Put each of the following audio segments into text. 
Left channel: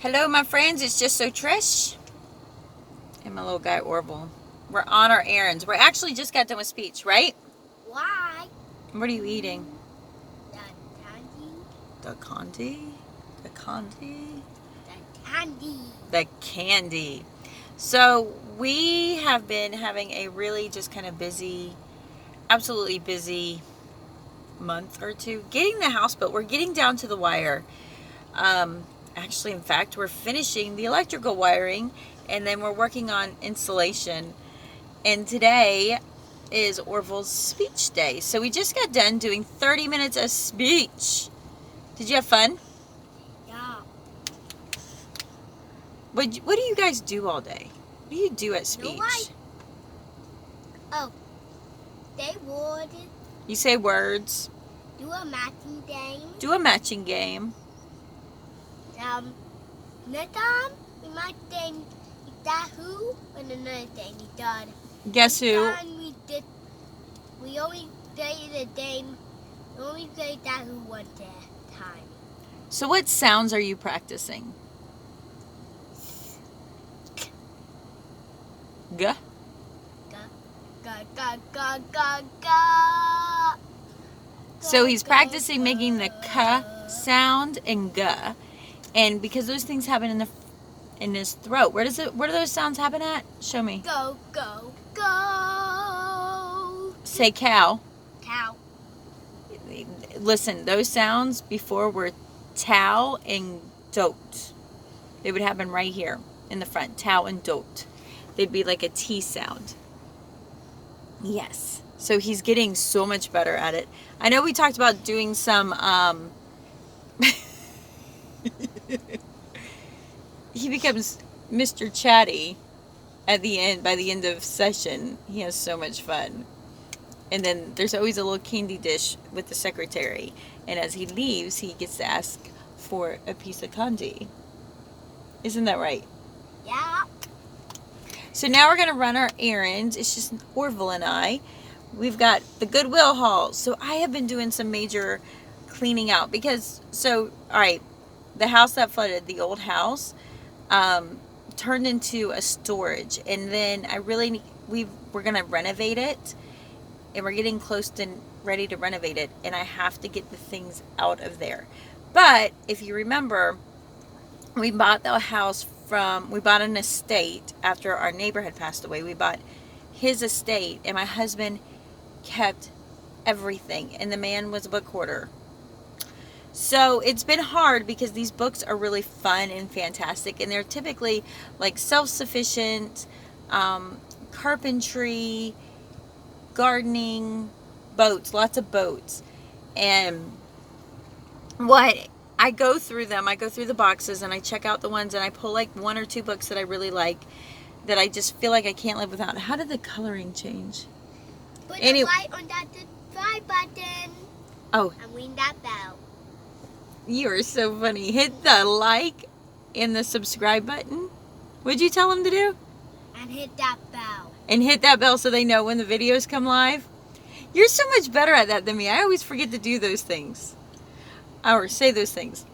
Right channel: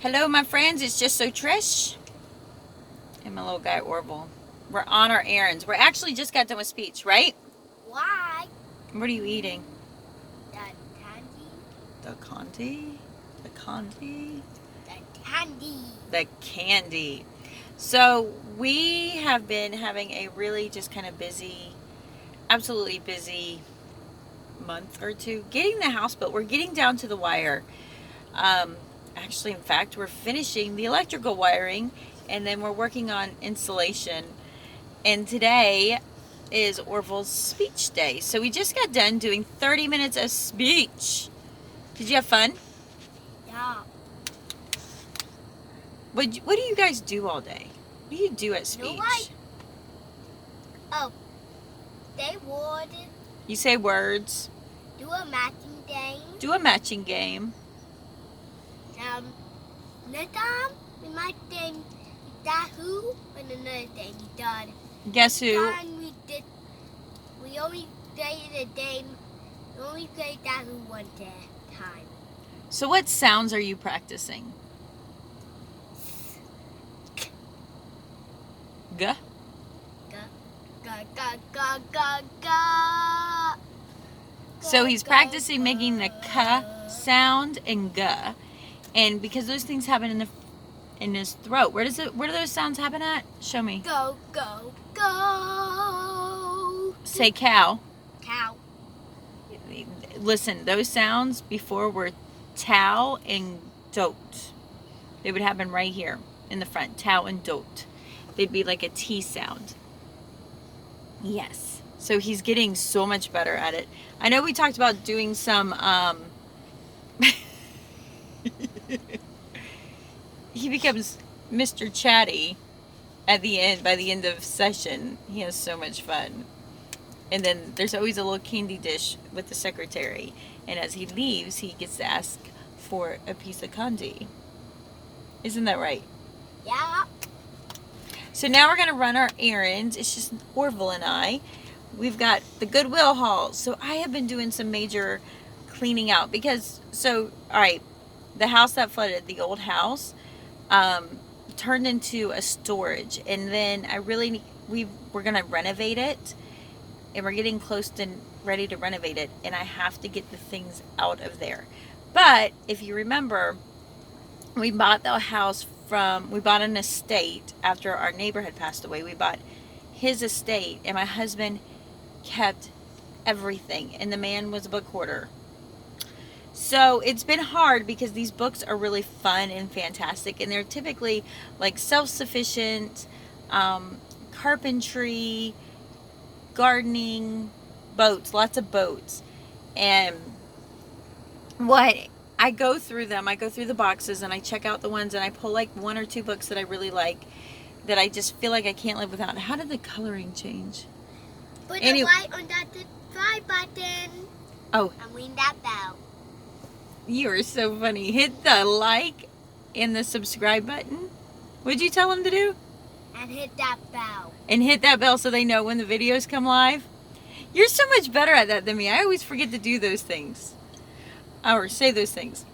Hello, my friends. It's just so Trish and my little guy Orvell. We're on our errands. We're actually just got done with speech, right? Why? What are you eating? The candy. The candy? The candy? The candy. The candy. So we have been having a really just kind of busy, absolutely busy month or two getting the house built. We're getting down to the wire. Actually, in fact, we're finishing the electrical wiring, and then we're working on insulation. And today is Orville's speech day. So we just got done doing 30 minutes of speech. Did you have fun? Yeah. What do you guys do all day? What do you do at speech? Nobody. Oh, they would You say words. do a matching game. Do a matching game. Next time we might think that who, and another thing he done. Guess who? This time we only played the game. We only played that who one time. So what sounds are you practicing? G. Ga ga ga ga ga. So he's practicing making the k sound and g, and because those things happen in his throat. Where do those sounds happen at? Show me. Go go go. Say cow. Cow. Listen, those sounds before were tau and dote. They would happen right here in the front. Tau and dote. They'd be like a T sound. Yes. So he's getting so much better at it. I know we talked about doing some he becomes Mr. Chatty at the end. By the end of session, he has so much fun. And then there's always a little candy dish with the secretary. And as he leaves, he gets to ask for a piece of candy. Isn't that right? Yeah. So now we're going to run our errands. It's just Orville and I. We've got the Goodwill haul. So I have been doing some major cleaning out because, all right, the house that flooded, the old house, turned into a storage. And then we're going to renovate it. And we're getting close to ready to renovate it. And I have to get the things out of there. But if you remember, we bought the house we bought an estate after our neighbor had passed away. We bought his estate, and my husband kept everything, and the man was a book hoarder. So it's been hard because these books are really fun and fantastic, and they're typically like self-sufficient, carpentry, gardening, boats, lots of boats. And I go through the boxes, and I check out the ones, and I pull like one or two books that I really like, that I just feel like I can't live without. How did the coloring change? Put the light on that subscribe button. Oh. And ring that bell. You are so funny. Hit the like and the subscribe button. What'd you tell them to do? And hit that bell. And hit that bell so they know when the videos come live. You're so much better at that than me. I always forget to do those things. Or say those things.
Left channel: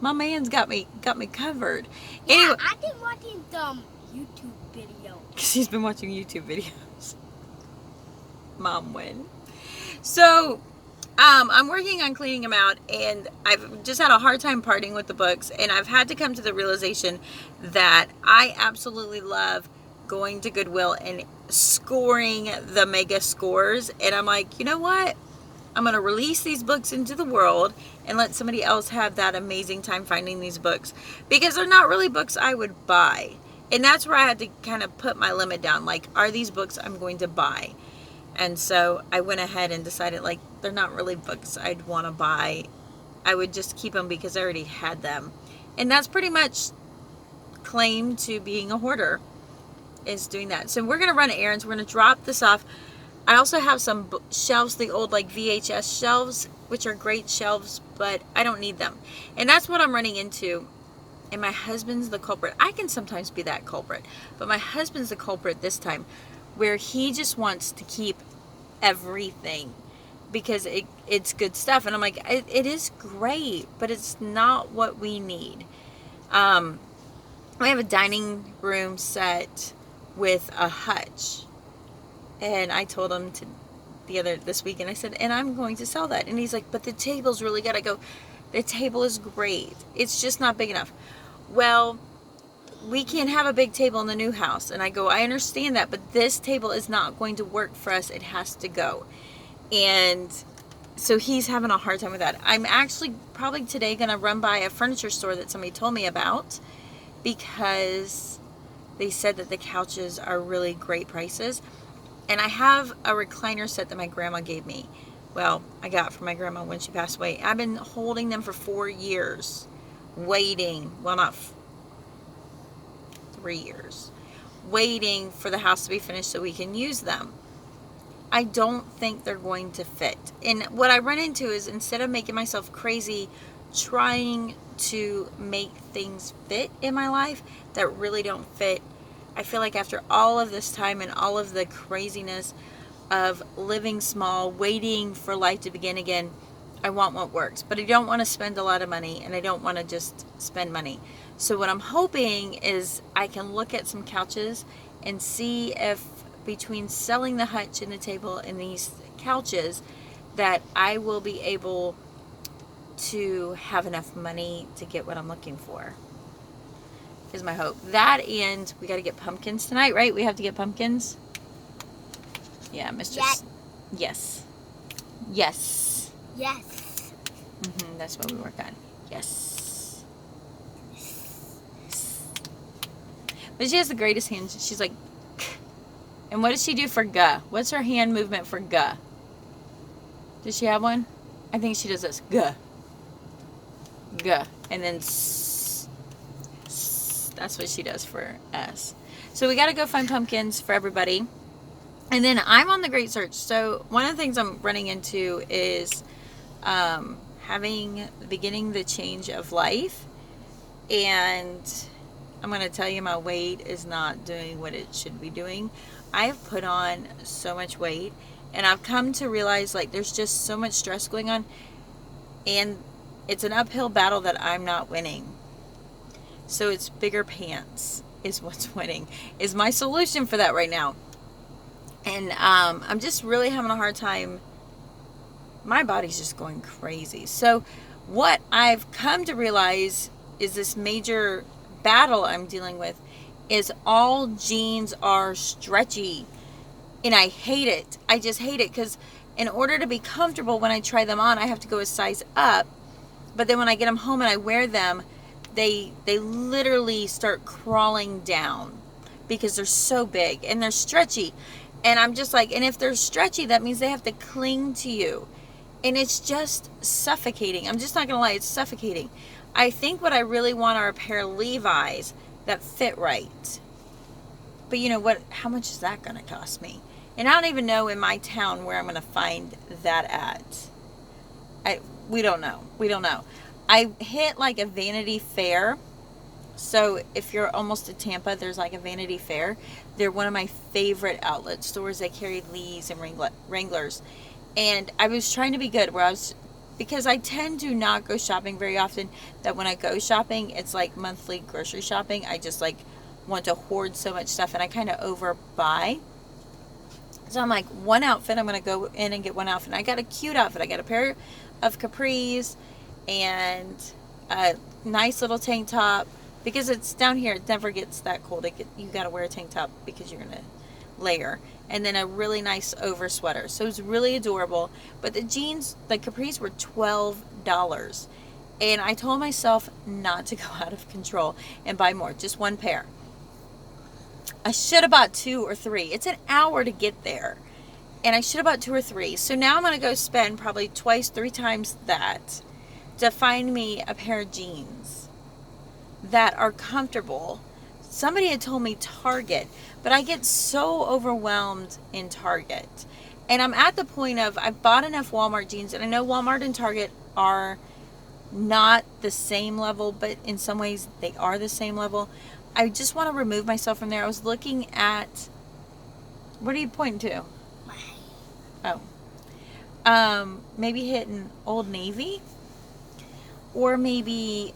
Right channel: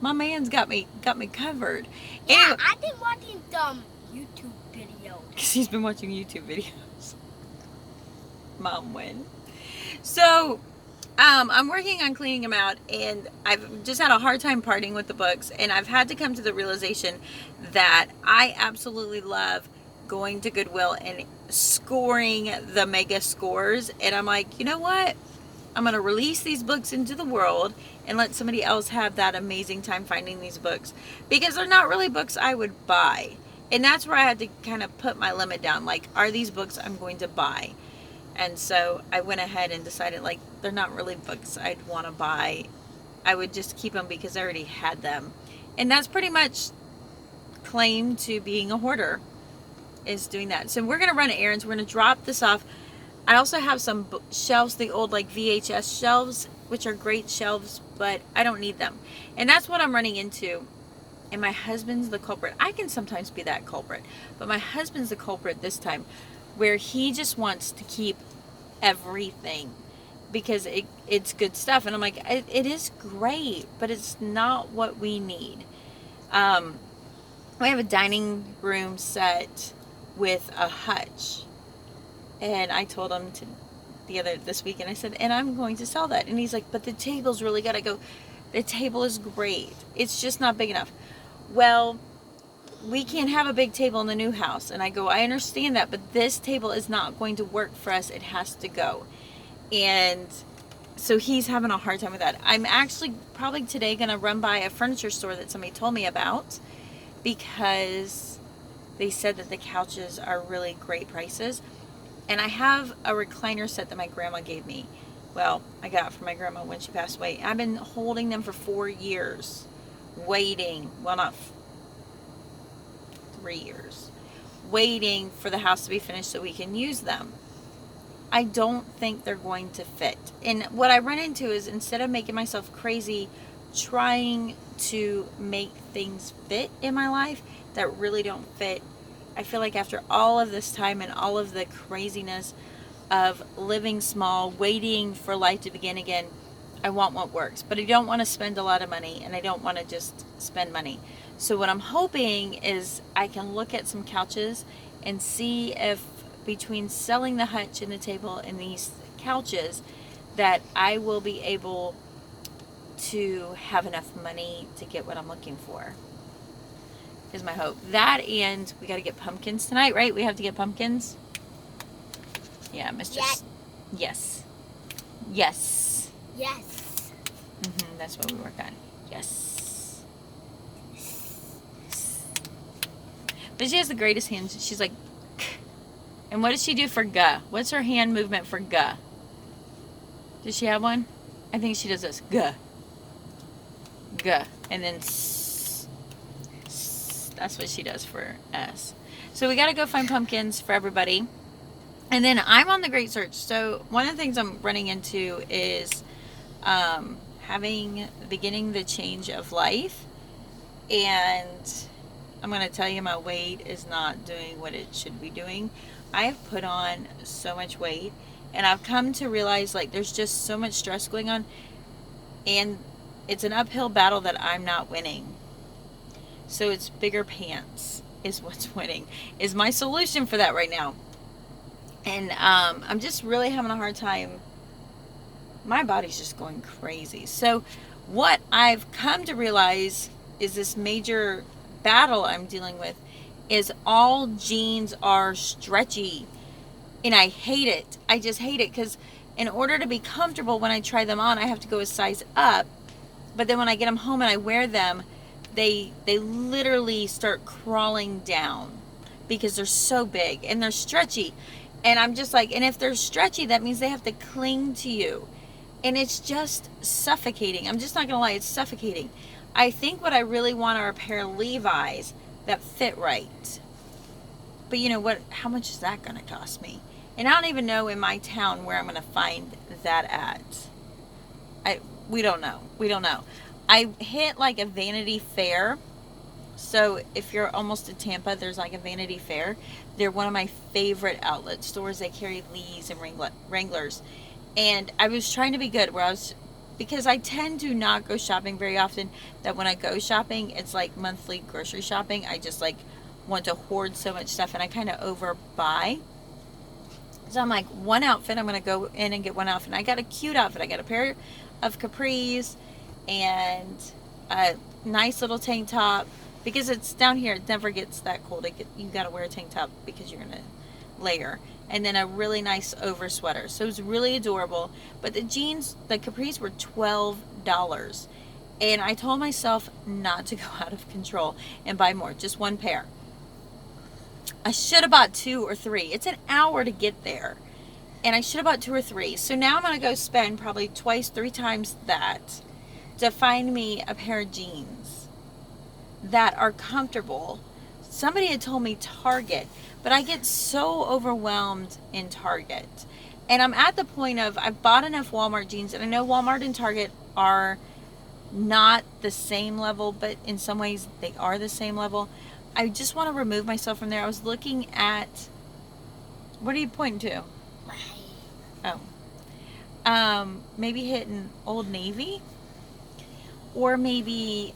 My man's got me covered. Yeah, Anyway, I've been watching some YouTube videos. She's been watching YouTube videos. Mom win. So, I'm working on cleaning them out, and I've just had a hard time parting with the books, and I've had to come to the realization that I absolutely love going to Goodwill and scoring the mega scores. And I'm like, you know what? I'm going to release these books into the world and let somebody else have that amazing time finding these books, because they're not really books I would buy. And that's where I had to kind of put my limit down. Like, are these books I'm going to buy? And so I went ahead and decided, like, they're not really books I'd want to buy. I would just keep them because I already had them. And that's pretty much claim to being a hoarder, is doing that. So we're going to run errands. We're going to drop this off. I also have some shelves, the old like VHS shelves, which are great shelves, but I don't need them. And that's what I'm running into. And my husband's the culprit. I can sometimes be that culprit, but my husband's the culprit this time, where he just wants to keep everything because it's good stuff. And I'm like, it is great, but it's not what we need. We have a dining room set with a hutch, and I told him this week, and I said, and I'm going to sell that. And he's like, but the table's really good. I go, the table is great. It's just not big enough. Well, we can't have a big table in the new house. And I go, I understand that, but this table is not going to work for us. It has to go. And so he's having a hard time with that. I'm actually probably today going to run by a furniture store that somebody told me about, because they said that the couches are really great prices. And I have a recliner set that my grandma gave me. Well, I got from my grandma when she passed away. I've been holding them for 4 years, waiting. Well, not 3 years, waiting for the house to be finished so we can use them. I don't think they're going to fit. And what I run into is, instead of making myself crazy trying to make things fit in my life that really don't fit, I feel like after all of this time and all of the craziness of living small, waiting for life to begin again, I want what works. But I don't want to spend a lot of money, and I don't want to just spend money. So what I'm hoping is I can look at some couches and see if, between selling the hutch and the table and these couches, that I will be able to have enough money to get what I'm looking for. Is my hope. That, and we got to get pumpkins tonight, right? We have to get pumpkins. Yeah, Mr. Yes. Yes. Yes. That's what we work on. Yes. But she has the greatest hands. She's like, and what does she do for Guh? What's her hand movement for Guh? Does she have one? I think she does this. Guh. Guh. And then that's what she does for us. So we got to go find pumpkins for everybody. And then I'm on the great search. So one of the things I'm running into is beginning the change of life. And I'm going to tell you, my weight is not doing what it should be doing. I've put on so much weight, and I've come to realize, like, there's just so much stress going on, and it's an uphill battle that I'm not winning. So it's bigger pants is what's winning, is my solution for that right now. And I'm just really having a hard time. My body's just going crazy. So what I've come to realize is this major battle I'm dealing with is all jeans are stretchy. And I hate it. I just hate it, because in order to be comfortable when I try them on, I have to go a size up. But then when I get them home and I wear them, they literally start crawling down because they're so big and they're stretchy. And I'm just like, and if they're stretchy, that means they have to cling to you. And it's just suffocating. I'm just not going to lie, it's suffocating. I think what I really want are a pair of Levi's that fit right. But you know what? How much is that going to cost me? And I don't even know in my town where I'm going to find that at. We don't know. We don't know. I hit like a Vanity Fair. So if you're almost to Tampa, there's like a Vanity Fair. They're one of my favorite outlet stores. They carry Lee's and Wranglers. And I was trying to be good because I tend to not go shopping very often, that when I go shopping, it's like monthly grocery shopping. I just like want to hoard so much stuff, and I kind of overbuy. So I'm like, one outfit, I'm going to go in and get one outfit. And I got a cute outfit. I got a pair of capris and a nice little tank top, because it's down here, it never gets that cold. You got to wear a tank top because you're going to layer. And then a really nice over sweater. So it's really adorable. But the jeans, the capris, were $12. And I told myself not to go out of control and buy more. Just one pair. I should have bought 2 or 3. It's an hour to get there. And I should have bought 2 or 3. So now I'm going to go spend probably 2, 3 times that to find me a pair of jeans that are comfortable. Somebody had told me Target, but I get so overwhelmed in Target. And I'm at the point of, I've bought enough Walmart jeans, and I know Walmart and Target are not the same level, but in some ways they are the same level. I just want to remove myself from there. I was looking at, what are you pointing to? Oh. Maybe hitting Old Navy, or maybe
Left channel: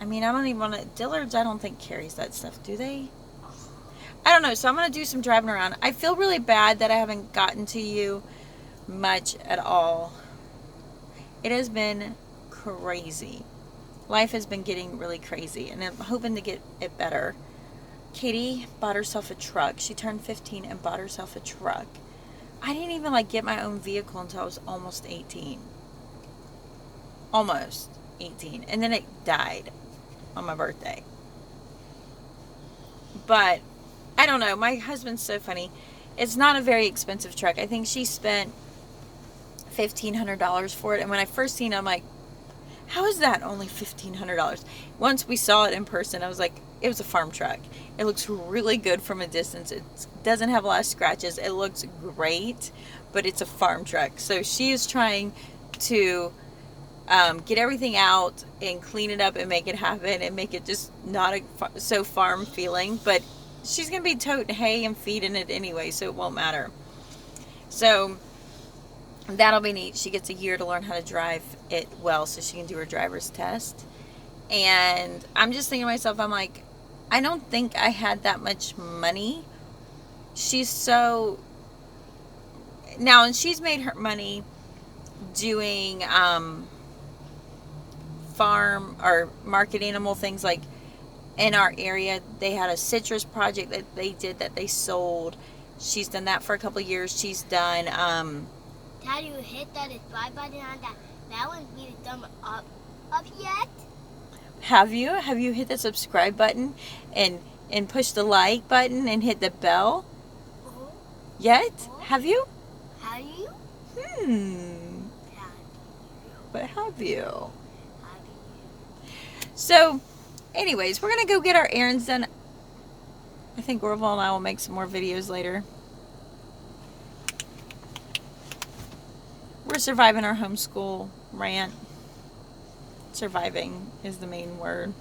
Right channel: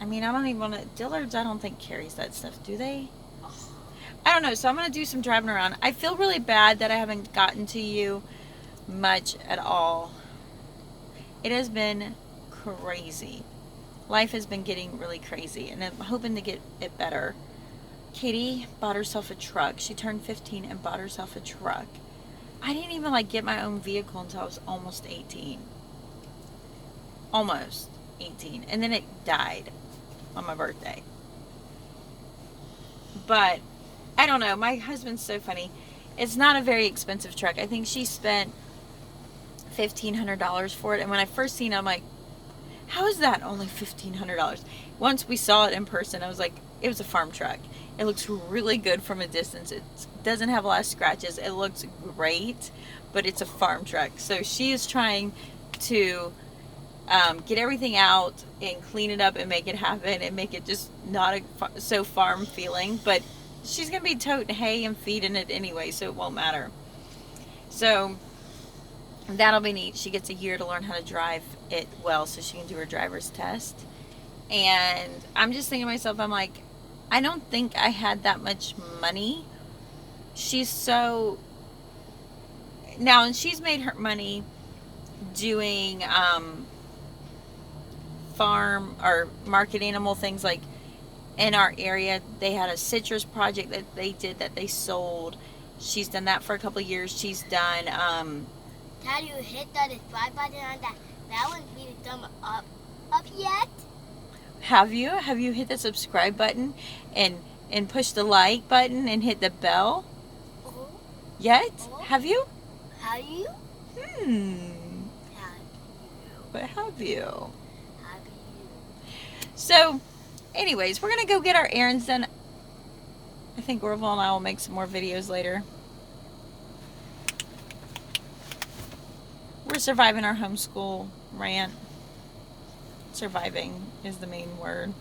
I mean, I don't even want to. Dillard's, I don't think carries that stuff, do they? I don't know. So I'm going to do some driving around. I feel really bad that I haven't gotten to you much at all. It has been crazy. Life has been getting really crazy, and I'm hoping to get it better. Katie bought herself a truck. She turned 15 and bought herself a truck. I didn't even get my own vehicle until I was almost 18. Almost 18. And then it died on my birthday. But I don't know. My husband's so funny. It's not a very expensive truck. I think she spent $1,500 for it. And when I first seen it, I'm like, how is that only $1,500? Once we saw it in person, I was like, it was a farm truck. It looks really good from a distance. It doesn't have a lot of scratches. It looks great, but it's a farm truck. So she is trying to get everything out and clean it up and make it happen and make it just not so farm feeling. But she's going to be toting hay and feeding it anyway, so it won't matter. So that'll be neat. She gets a year to learn how to drive it well so she can do her driver's test. And I'm just thinking to myself, I'm like, I don't think I had that much money. She's so... Now, and she's made her money doing farm or market animal things. Like in our area, they had a citrus project that they did that they sold. She's done that for a couple of years. She's done... Have you hit that subscribe button on that one's being thumb up yet? Have you? Have you hit the subscribe button and push the like button and hit the bell? Uh-huh. Yet? Uh-huh. Have you? Have you? But have you? Have you? So, anyways, we're going to go get our errands done. I think Orvell and I will make some more videos later. We're surviving our homeschool rant. Surviving is the main word.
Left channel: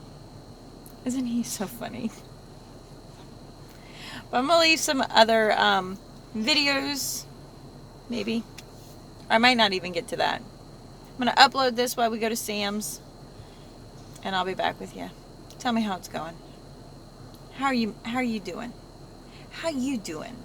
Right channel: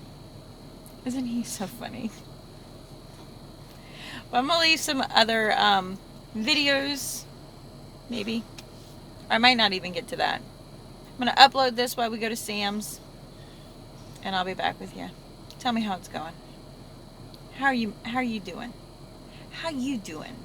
Isn't he so funny? But I'm going to leave some other videos, maybe. I might not even get to that. I'm going to upload this while we go to Sam's, and I'll be back with you. Tell me how it's going. How are you doing? How you doing?